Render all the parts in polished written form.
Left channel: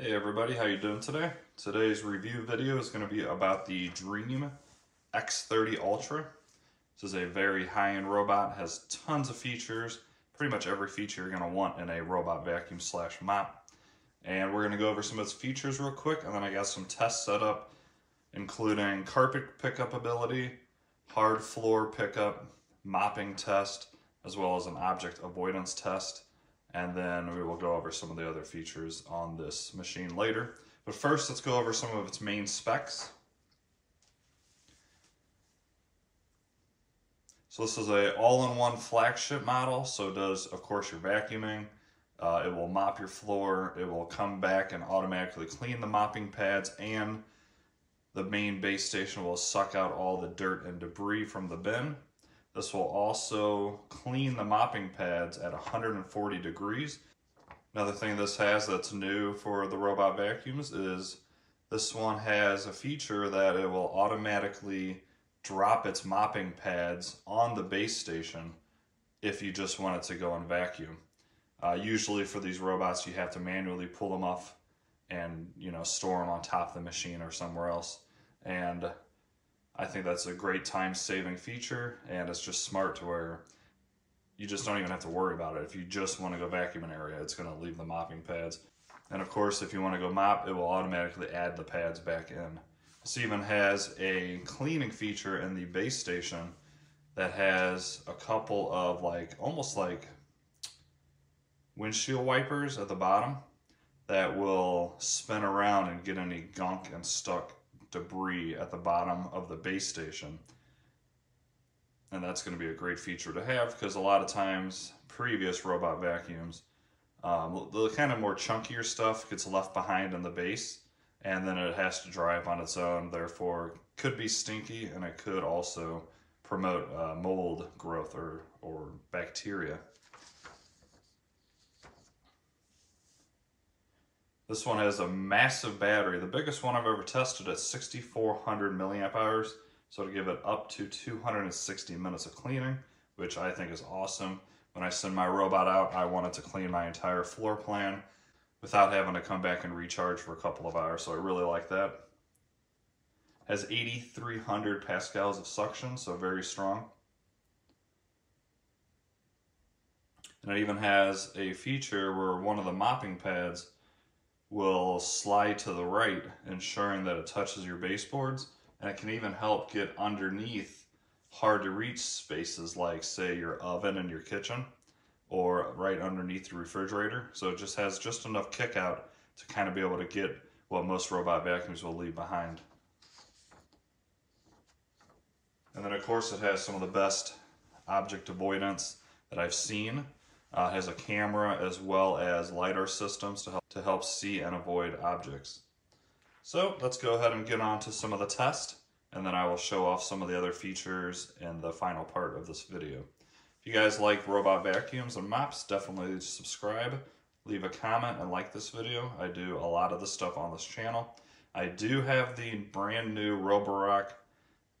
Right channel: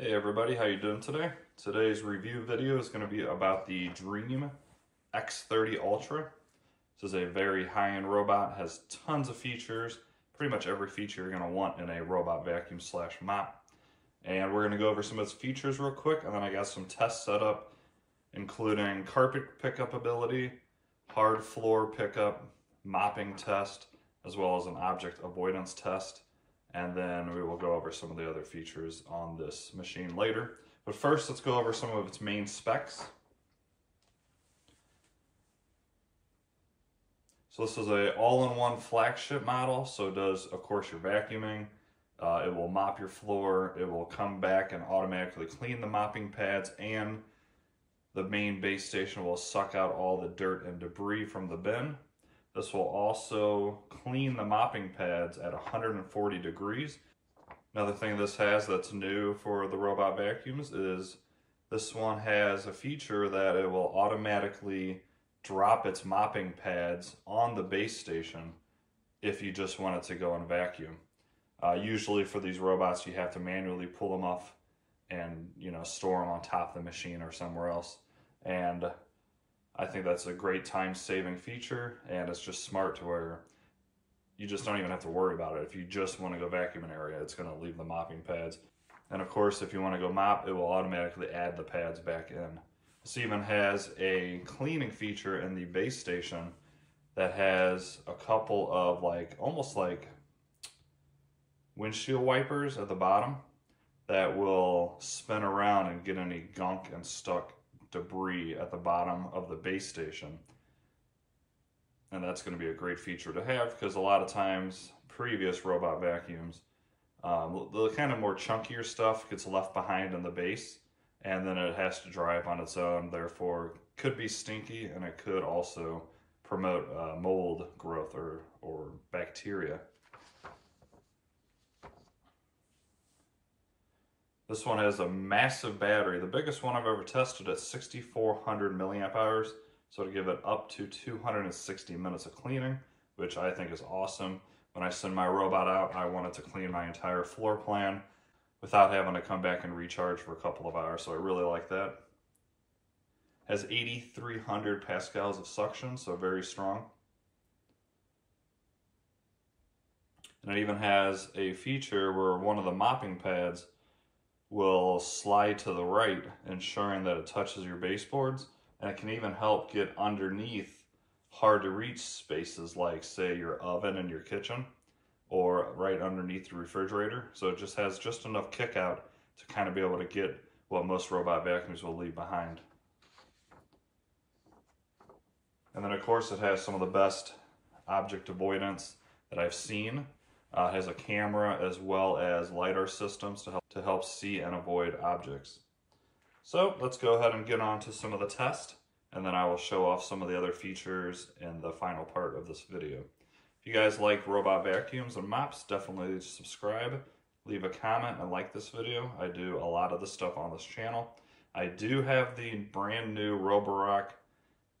Hey everybody, how you doing today? Today's review video is going to be about the Dreame X30 Ultra. This is a very high-end robot, has tons of features, pretty much every feature you're going to want in a robot vacuum slash mop. And we're going to go over some of its features real quick, and then I got some tests set up, including carpet pickup ability, hard floor pickup, mopping test, as well as an object avoidance test. And then we will go over some of the other features on this machine later. But first, let's go over some of its main specs. So this is a all-in-one flagship model, so it does, of course, your vacuuming. It will mop your floor, it will come back and automatically clean the mopping pads, and the main base station will suck out all the dirt and debris from the bin. This will also clean the mopping pads at 140 degrees. Another thing this has that's new for the robot vacuums is this one has a feature that it will automatically drop its mopping pads on the base station if you just want it to go and vacuum. Usually for these robots you have to manually pull them off and store them on top of the machine or somewhere else. And I think that's a great time-saving feature, and it's just smart to where you just don't even have to worry about it. If you just want to go vacuum an area, it's going to leave the mopping pads. And of course, if you want to go mop, it will automatically add the pads back in. This even has a cleaning feature in the base station that has a couple of almost like windshield wipers at the bottom that will spin around and get any gunk and stuck debris at the bottom of the base station. And that's going to be a great feature to have, because a lot of times previous robot vacuums, the kind of more chunkier stuff gets left behind in the base, and then it has to dry up on its own, therefore could be stinky, and it could also promote mold growth or bacteria. This one has a massive battery, the biggest one I've ever tested at 6,400 milliamp hours, so to give it up to 260 minutes of cleaning, which I think is awesome. When I send my robot out, I want it to clean my entire floor plan without having to come back and recharge for a couple of hours, so I really like that. Has 8,300 pascals of suction, so very strong. And it even has a feature where one of the mopping pads will slide to the right, ensuring that it touches your baseboards, and it can even help get underneath hard to reach spaces like, say, your oven in your kitchen or right underneath your refrigerator. So it just has just enough kick out to kind of be able to get what most robot vacuums will leave behind. And then of course it has some of the best object avoidance that I've seen. It has a camera as well as LiDAR systems to help see and avoid objects. So let's go ahead and get on to some of the test, and then I will show off some of the other features in the final part of this video. If you guys like robot vacuums and mops, definitely subscribe, leave a comment, and like this video. I do a lot of this stuff on this channel. I do have the brand new Roborock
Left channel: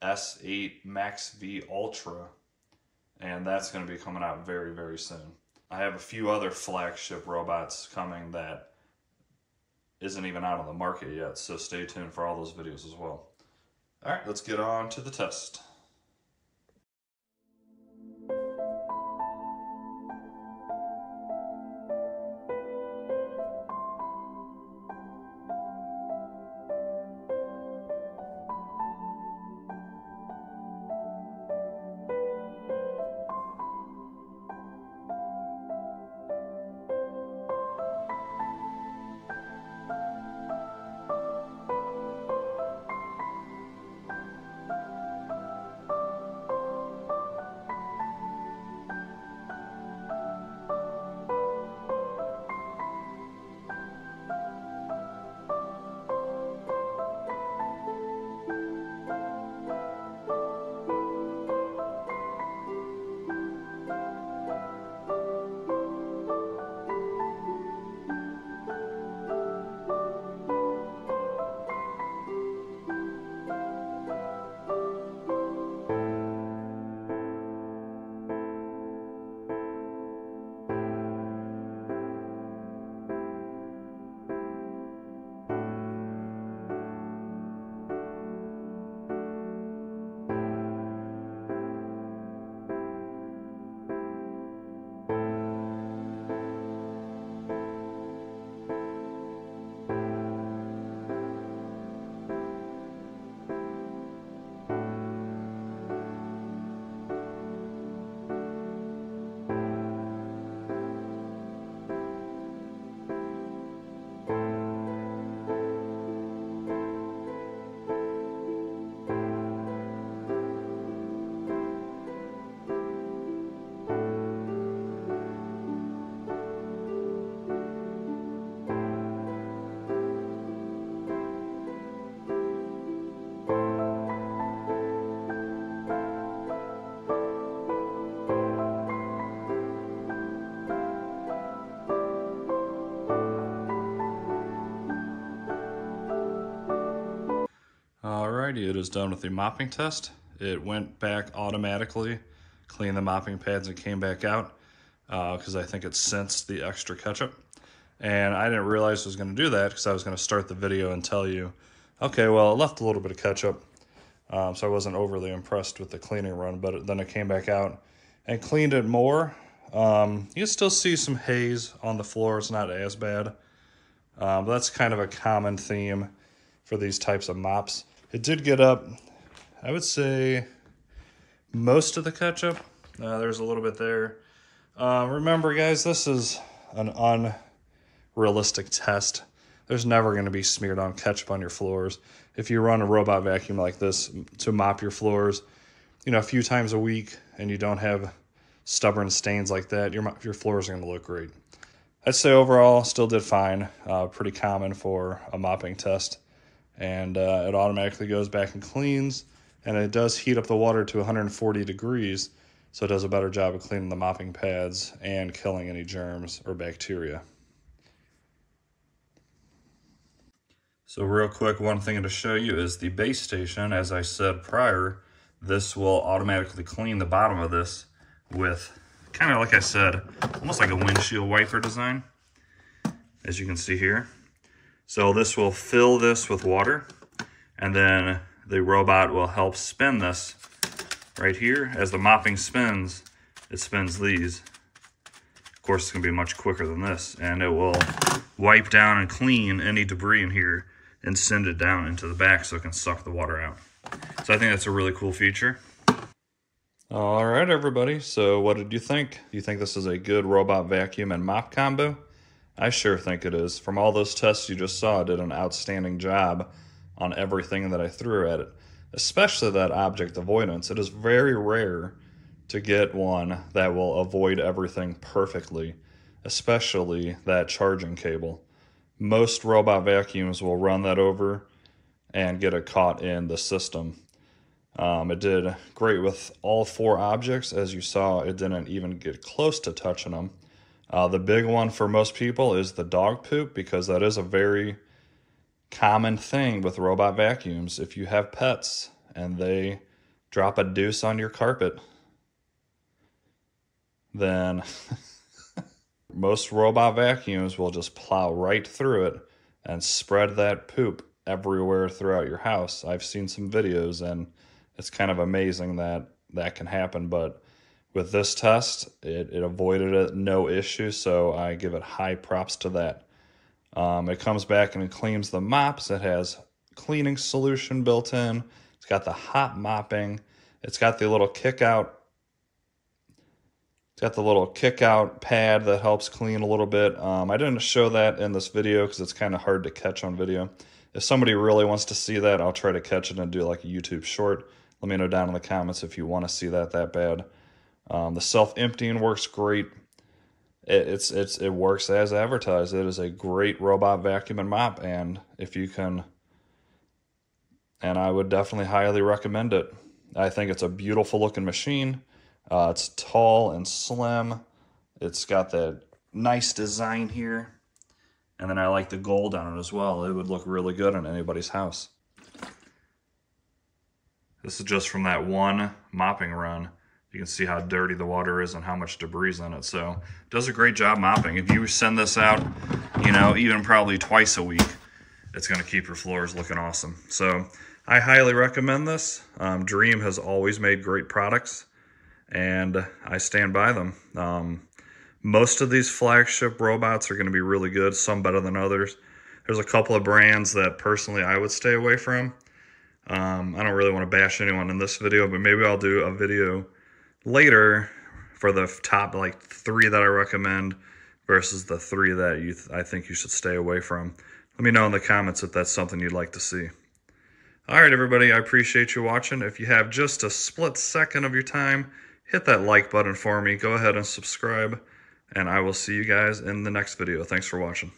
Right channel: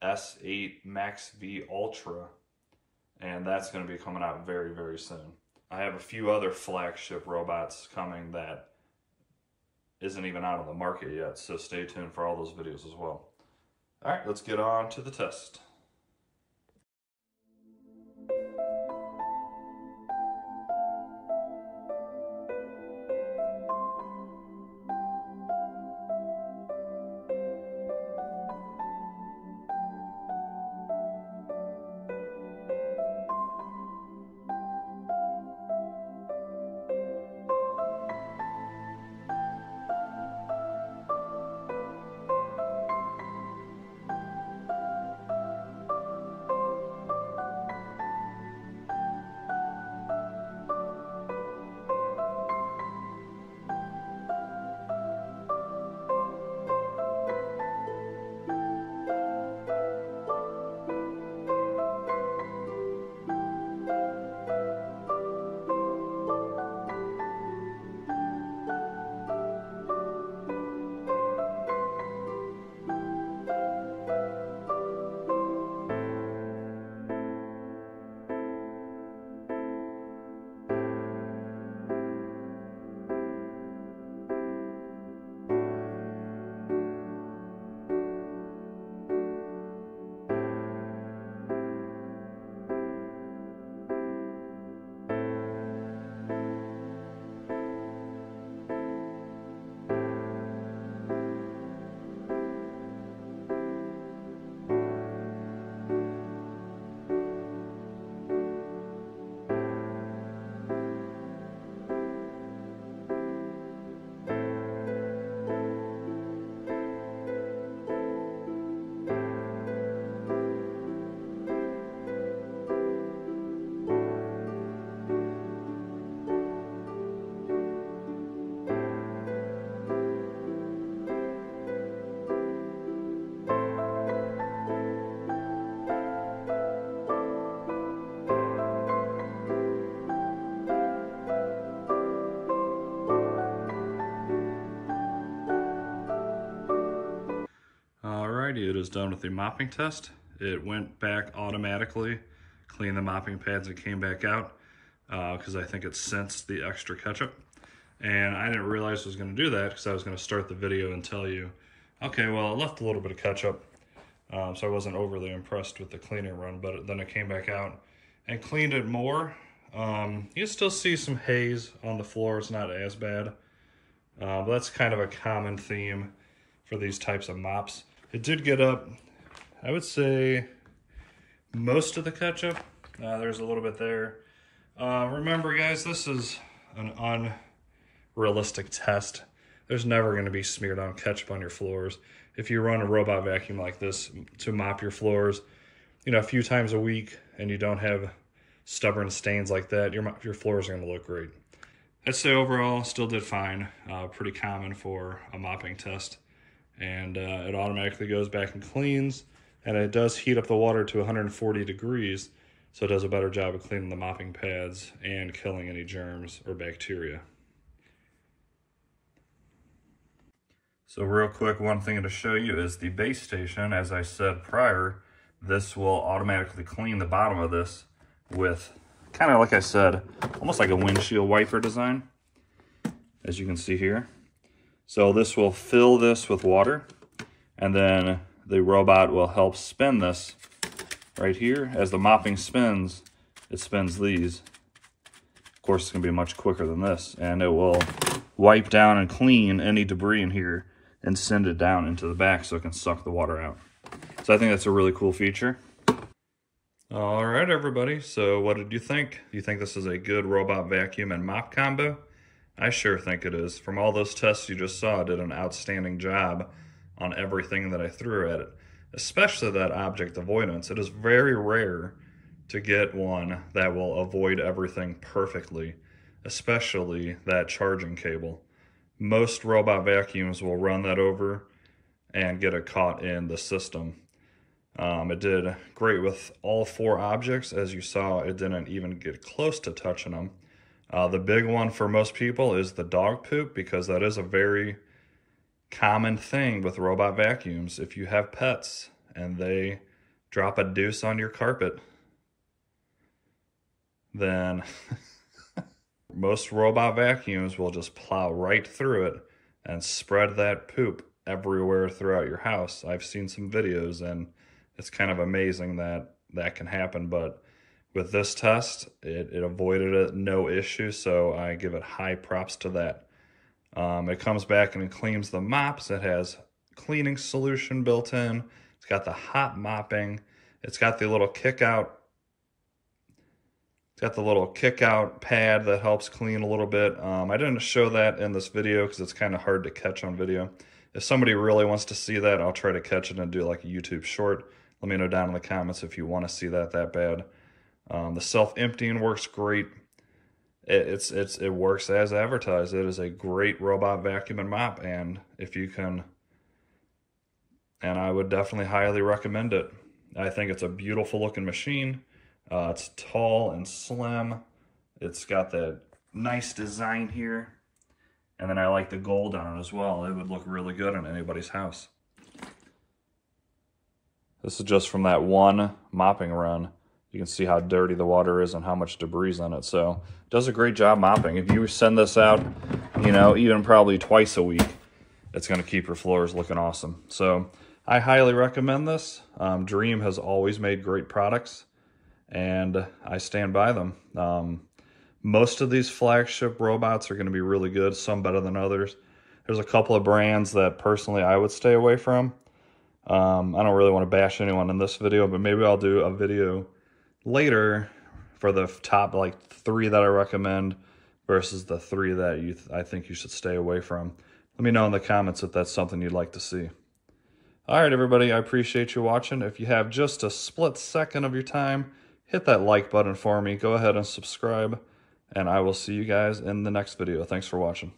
S8 Max V Ultra, and that's going to be coming out very, very soon. I have a few other flagship robots coming that isn't even out on the market yet, so stay tuned for all those videos as well. All right, let's get on to the test. it is done with the mopping test. It went back automatically, cleaned the mopping pads and came back out because I think it sensed the extra ketchup. And I didn't realize it was going to do that because I was going to start the video and tell you, okay, well, it left a little bit of ketchup. So I wasn't overly impressed with the cleaning run, but then it came back out and cleaned it more. You can still see some haze on the floor. It's not as bad. But that's kind of a common theme for these types of mops. It did get up, I would say, most of the ketchup. There's a little bit there. Remember, guys, this is an unrealistic test. There's never going to be smeared on ketchup on your floors. If you run a robot vacuum like this to mop your floors, you know, a few times a week, and you don't have stubborn stains like that, your floors are going to look great. I'd say overall, still did fine. Pretty common for a mopping test. And it automatically goes back and cleans, and it does heat up the water to 140 degrees, so it does a better job of cleaning the mopping pads and killing any germs or bacteria. So real quick, one thing to show you is the base station. As I said prior, this will automatically clean the bottom of this with, kind of like I said, almost like a windshield wiper design, as you can see here. So this will fill this with water, and then the robot will help spin this right here. As the mopping spins, it spins these. Of course, it's gonna be much quicker than this, and it will wipe down and clean any debris in here and send it down into the back so it can suck the water out. So I think that's a really cool feature. All right, everybody. So what did you think? Do you think this is a good robot vacuum and mop combo? I sure think it is. From all those tests you just saw, it did an outstanding job on everything that I threw at it, especially that object avoidance. It is very rare to get one that will avoid everything perfectly, especially that charging cable. Most robot vacuums will run that over and get it caught in the system. It did great with all 4 objects. As you saw, it didn't even get close to touching them. The big one for most people is the dog poop, because that is a very common thing with robot vacuums. If you have pets and they drop a deuce on your carpet, then most robot vacuums will just plow right through it and spread that poop everywhere throughout your house. I've seen some videos, and it's kind of amazing that that can happen, but with this test, it avoided it, no issue, so I give it high props to that. It comes back and it cleans the mops. It has cleaning solution built in. It's got the hot mopping. It's got the little kick out. It's got the little kick out pad that helps clean a little bit. I didn't show that in this video because it's kind of hard to catch on video. If somebody really wants to see that, I'll try to catch it and do like a YouTube short. Let me know down in the comments if you want to see that bad. The self-emptying works great. It works as advertised. It is a great robot vacuum and mop, and I would definitely highly recommend it. I think it's a beautiful looking machine. It's tall and slim. It's got that nice design here, and then I like the gold on it as well. It would look really good in anybody's house. This is just from that one mopping run. You can see how dirty the water is and how much debris is on it. So it does a great job mopping. If you send this out, you know, even probably twice a week, it's going to keep your floors looking awesome. So I highly recommend this. Dreame has always made great products, and I stand by them. Most of these flagship robots are going to be really good, some better than others. There's a couple of brands that personally I would stay away from. I don't really want to bash anyone in this video, but maybe I'll do a video later for the top like 3 that I recommend versus the 3 that I think you should stay away from. Let me know in the comments if that's something you'd like to see. All right, everybody, I appreciate you watching. If you have just a split second of your time, hit that like button for me. Go ahead and subscribe, and I will see you guys in the next video. Thanks for watching.